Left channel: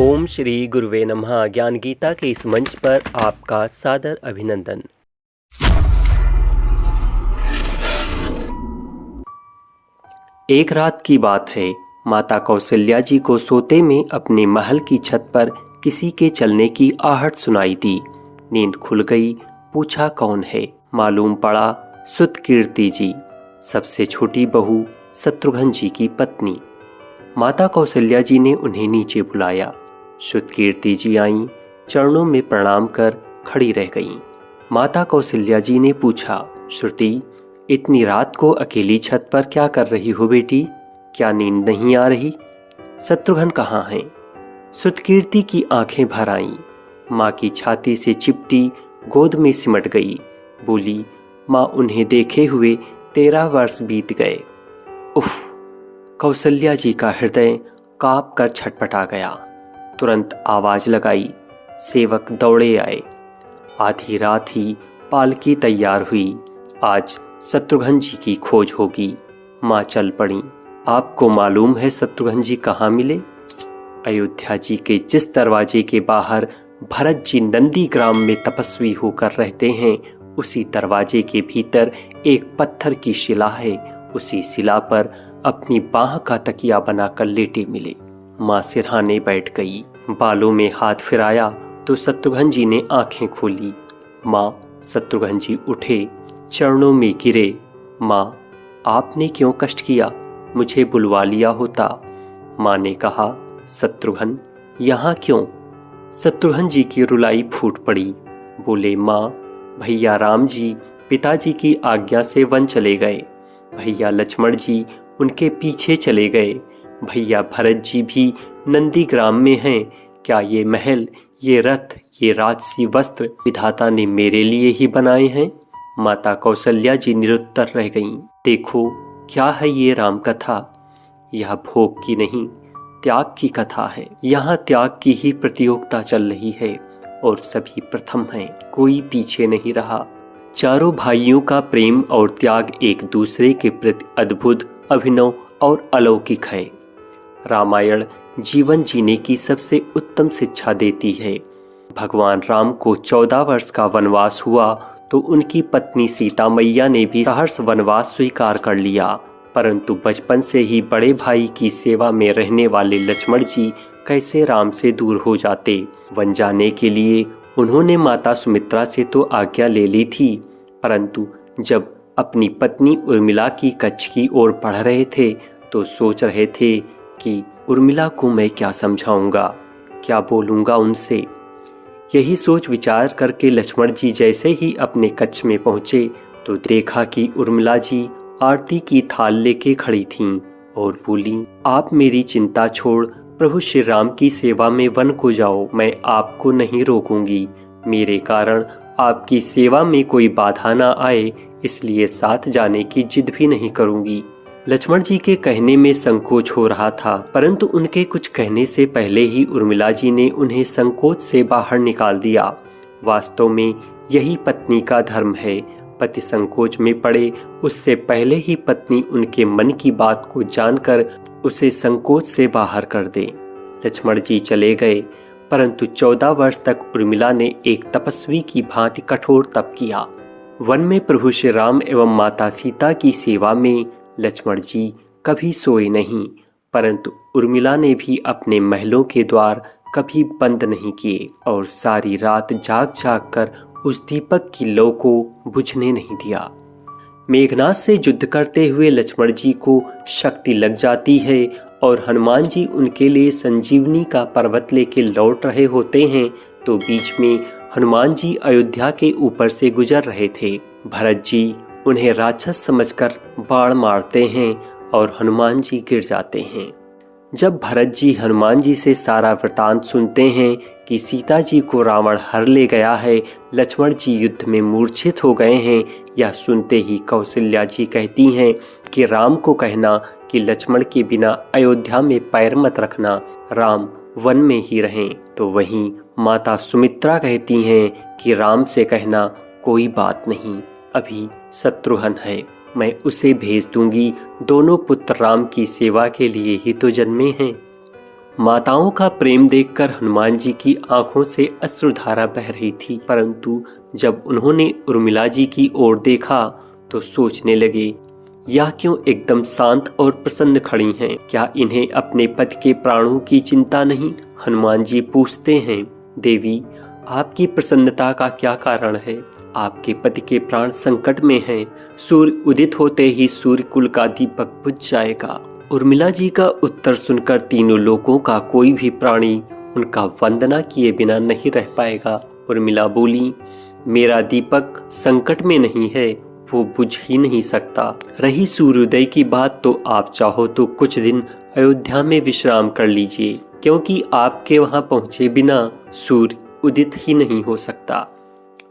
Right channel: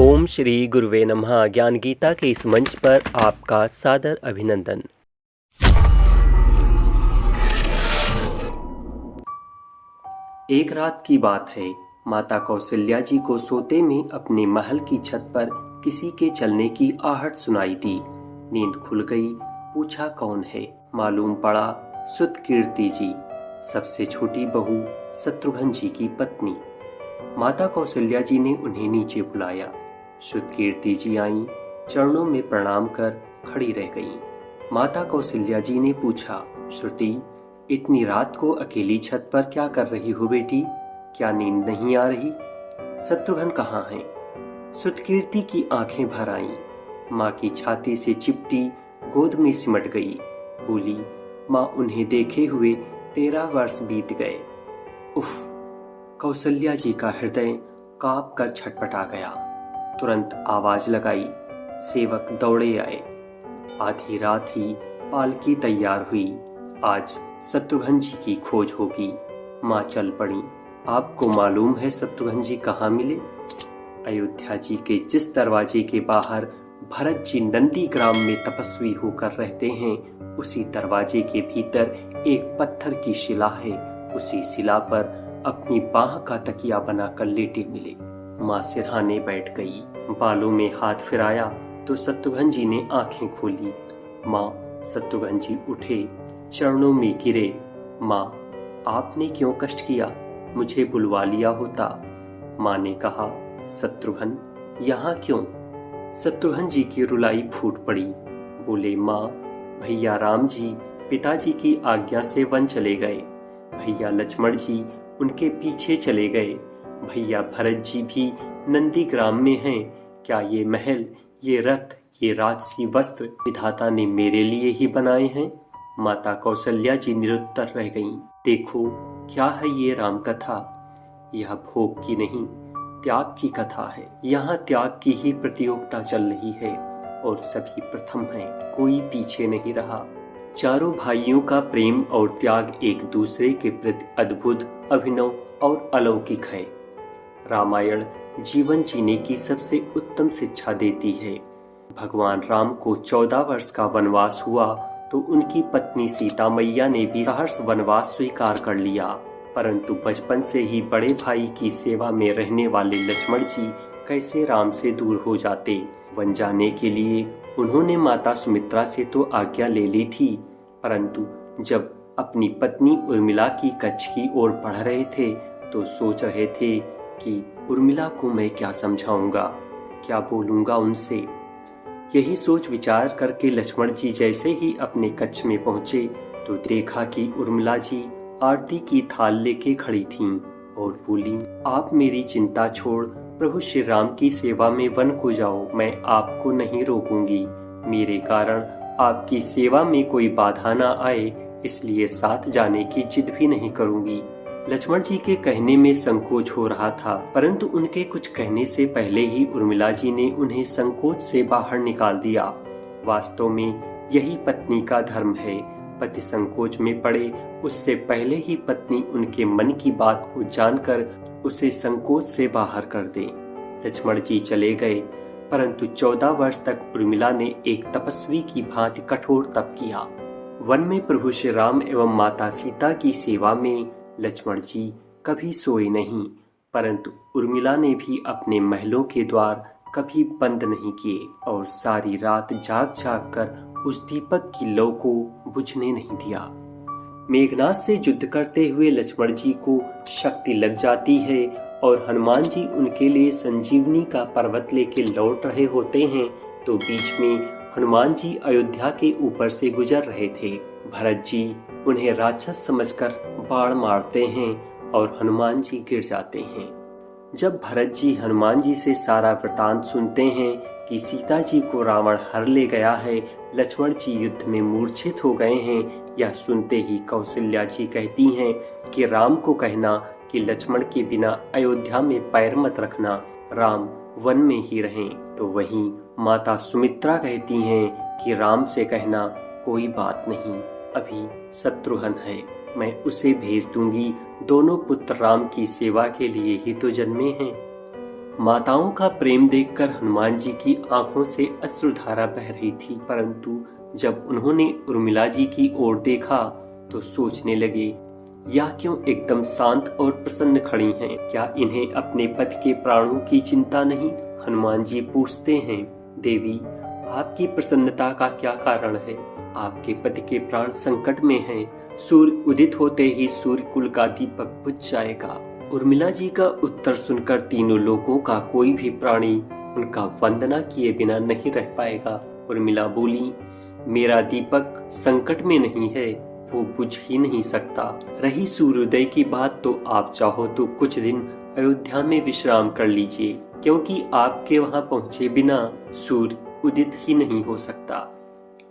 ओम श्री गुरुवे नमः। ज्ञान गीता के इस मंच पर आपका सादर अभिनंदन। एक रात की बात है। माता कौशल्या जी को सोते में अपने महल की छत पर किसी के चलने की आहट सुनाई दी। नींद खुल गई। पूछा कौन है। मालूम पड़ा सुत कीर्ति जी, सबसे छोटी बहू शत्रुघ्न जी की पत्नी। माता कौशल्या जी ने उन्हें नीचे बुलाया। सुत कीर्ति जी आईं, चरणों में प्रणाम कर खड़ी रह गईं। माता कौशल्या जी ने पूछा, श्रुति, इतनी रात को अकेली छत पर क्या कर रही हो बेटी? क्या नींद नहीं आ रही? शत्रुघ्न कहाँ हैं? सुत कीर्ति की आंखें भर आईं। माँ की छाती से चिपटी गोद में सिमट गई। बोली, माँ, उन्हें देखे हुए 13 वर्ष बीत गए। उफ! कौशल्या जी का हृदय कांप कर छटपटा गया। तुरंत आवाज लगाई। सेवक दौड़े आए। आधी रात ही पालकी तैयार हुई। आज शत्रुघ्न जी की खोज होगी। माँ चल पड़ी। आपको मालूम है शत्रुघ्न जी कहाँ मिले? अयोध्या जी के जिस दरवाजे के बाहर भरत जी नंदी ग्राम में तपस्वी होकर रहते हैं, उसी दरवाजे के भीतर एक पत्थर की शिला है। उसी शिला पर अपनी बाह का तकिया बनाकर लेटे मिले। माँ सिरहाने बैठ गई। बालों में हाथ फिराया तो शत्रुघ्न जी ने आंखें खोली। माँ, शत्रुघ्न जी उठे, चरणों में गिरे। माँ, आपने क्यों कष्ट किया? मुझे बुलवा लिया होता। माँ ने कहा, शत्रुघ्न, यहाँ क्यों? शत्रुघ्न जी की रुलाई फूट पड़ी। बोले, माँ, भैया राम जी पिताजी की आज्ञा से वन चले गए। भैया लक्ष्मण जी उनके पीछे चले गए। भैया भरत जी भी नंदी ग्राम में हैं। क्या ये महल, ये रथ, ये राजसी वस्त्र विधाता ने मेरे लिए ही बनाए हैं? माता कौशल्या जी निरुत्तर रह गईं। देखो, क्या है ये राम कथा? यह भोग की नहीं, त्याग की कथा है। यहाँ त्याग की ही प्रतियोगिता चल रही है और सभी प्रथम हैं, कोई पीछे नहीं रहा। चारों भाइयों का प्रेम और त्याग एक दूसरे के प्रति अद्भुत, अभिनव और अलौकिक है। रामायण जीवन जीने की सबसे उत्तम शिक्षा देती है। भगवान राम को 14 वर्ष का वनवास हुआ तो उनकी पत्नी सीता मैया ने भी सहर्ष वनवास स्वीकार कर लिया, परंतु बचपन से ही बड़े भाई की सेवा में रहने वाले लक्ष्मण जी कैसे राम से दूर हो जाते? वन जाने के लिए उन्होंने माता सुमित्रा से तो आज्ञा ले ली थी, परंतु जब अपनी पत्नी उर्मिला की कच्छ की ओर बढ़ रहे थे तो सोच रहे थे कि उर्मिला को मैं क्या समझाऊंगा, क्या बोलूंगा उनसे। यही सोच विचार करके लक्ष्मण जी जैसे ही अपने कच्छ में पहुंचे तो देखा कि उर्मिला जी आरती की थाल लेके खड़ी थीं और बोली, आप मेरी चिंता छोड़ प्रभु श्री राम की सेवा में वन को जाओ, मैं आपको नहीं रोकूंगी। मेरे कारण आपकी सेवा में कोई बाधा ना आए, इसलिए साथ जाने की जिद भी नहीं करूंगी। लक्ष्मण जी के कहने में संकोच हो रहा था, परंतु उनके कुछ कहने से पहले ही उर्मिला जी ने उन्हें संकोच से बाहर निकाल दिया। वास्तव में यही पत्नी का धर्म है। पति संकोच में पड़े उससे पहले ही पत्नी उनके मन की बात को जानकर उसे संकोच से बाहर कर दे। लक्ष्मण जी चले गए, परंतु 14 वर्ष तक उर्मिला ने एक तपस्वी की भांति कठोर तप किया। वन में प्रभु श्री राम एवं माता सीता की सेवा में लक्ष्मण जी कभी सोए नहीं, परंतु उर्मिला ने भी अपने महलों के द्वार कभी बंद नहीं किए और सारी रात जाग जाग कर उस दीपक की लौ को बुझने नहीं दिया। मेघनाद से युद्ध करते हुए लक्ष्मण जी को शक्ति लग जाती है और हनुमान जी उनके लिए संजीवनी का पर्वत लेके लौट रहे होते हैं तो बीच में हनुमान जी अयोध्या के ऊपर से गुजर रहे थे। भरत जी उन्हें राक्षस समझकर बाण मारते हैं और हनुमान जी गिर जाते हैं। जब भरत जी हनुमान जी से सारा वृतांत सुनते हैं कि सीता जी को रावण हर ले गया है, लक्ष्मण जी युद्ध में मूर्छित हो गए हैं, यह सुनते ही कौशल्या जी कहती हैं कि राम को कहना कि लक्ष्मण के बिना अयोध्या में पैर मत रखना, राम वन में ही रहें। तो वहीं माता सुमित्रा कहती हैं कि राम से कहना कोई बात नहीं, अभी शत्रुघ्न है, मैं उसे भेज दूंगी, दोनों पुत्र राम की सेवा के लिए ही तो जन्मे हैं। माताओं का प्रेम देखकर हनुमान जी की आंखों से अश्रुधारा बह रही थी, परंतु जब उन्होंने उर्मिला जी की ओर देखा तो सोचने लगे, यह क्यों एकदम शांत और प्रसन्न खड़ी हैं? क्या इन्हें अपने पति के प्राणों की चिंता नहीं? हनुमान जी पूछते हैं, देवी, आपकी प्रसन्नता का क्या कारण है? आपके पति के प्राण संकट में हैं। सूर्य उदित होते ही सूर्य कुल का दीपक बुझ जाएगा। उर्मिला जी का उत्तर सुनकर तीनों लोगों का कोई भी प्राणी उनका वंदना किए बिना नहीं रह पाएगा। उर्मिला बोली, मेरा दीपक संकट में नहीं है, वो बुझ ही नहीं सकता। रही सूर्योदय की बात, तो आप चाहो तो कुछ दिन अयोध्या में विश्राम कर लीजिए, क्योंकि आपके वहां पहुंचे बिना सूर्य उदित ही नहीं हो सकता।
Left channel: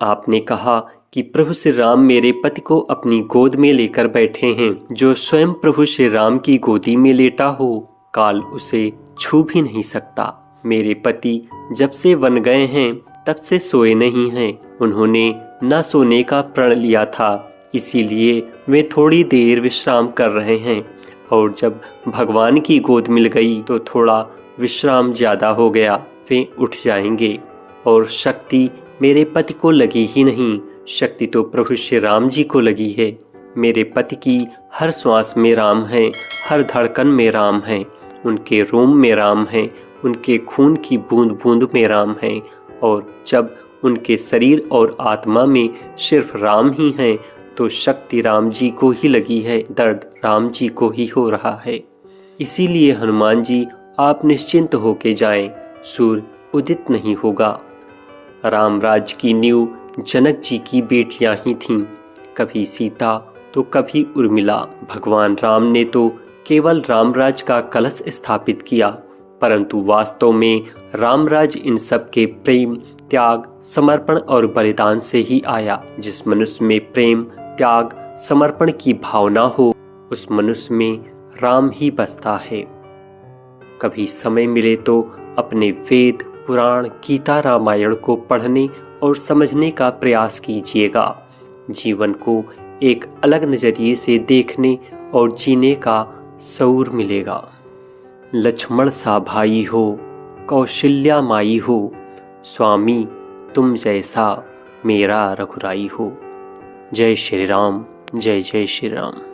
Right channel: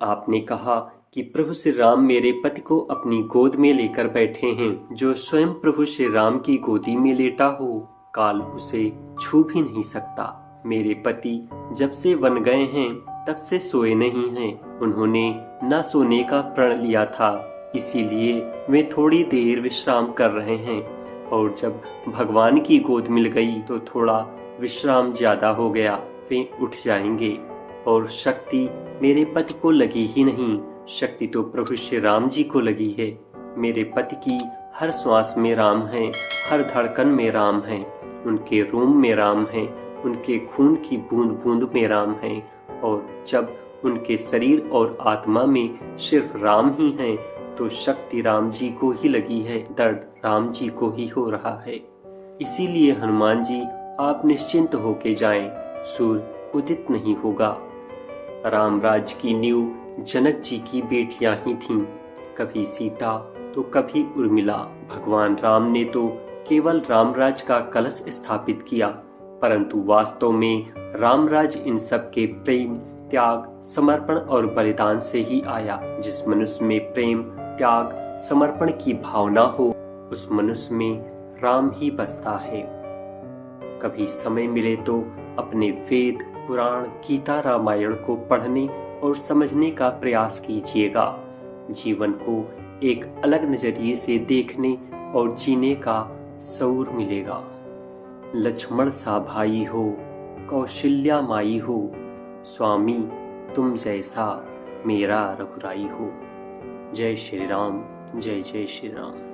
आपने कहा कि प्रभु श्री राम मेरे पति को अपनी गोद में लेकर बैठे हैं। जो स्वयं प्रभु श्री राम की गोदी में लेटा हो, काल उसे छू भी नहीं सकता। मेरे पति जब से वन गए हैं तब से सोए नहीं हैं। उन्होंने न सोने का प्रण लिया था, इसीलिए वे थोड़ी देर विश्राम कर रहे हैं, और जब भगवान की गोद मिल गई तो थोड़ा विश्राम ज्यादा हो गया, वे उठ जाएंगे। और शक्ति मेरे पति को लगी ही नहीं, शक्ति तो प्रभु श्री राम जी को लगी है। मेरे पति की हर श्वास में राम है, हर धड़कन में राम है, उनके रोम में राम है, उनके खून की बूंद बूंद में राम है। और जब उनके शरीर और आत्मा में सिर्फ राम ही है, तो शक्ति राम जी को ही लगी है, दर्द राम जी को ही हो रहा है। इसीलिए हनुमान जी, आप निश्चिंत होके जाएं, सूर्य उदित नहीं होगा। राम राज्य की नींव जनक जी की बेटियां ही थीं, कभी सीता तो कभी उर्मिला। भगवान राम ने तो केवल रामराज का कलश स्थापित किया, परंतु वास्तव में रामराज इन सब के प्रेम, त्याग, समर्पण और बलिदान से ही आया। जिस मनुष्य में प्रेम, त्याग, समर्पण की भावना हो, उस मनुष्य में राम ही बसता है। कभी समय मिले तो अपने वेद, पुराण, गीता, रामायण को पढ़ने और समझने का प्रयास कीजिएगा। जीवन को एक अलग नजरिए से देखने और जीने का शऊर मिलेगा। लक्ष्मण सा भाई हो, कौशल्या माई हो, स्वामी तुम जैसा मेरा रघुराई हो। जय श्री राम, जय जय श्री राम।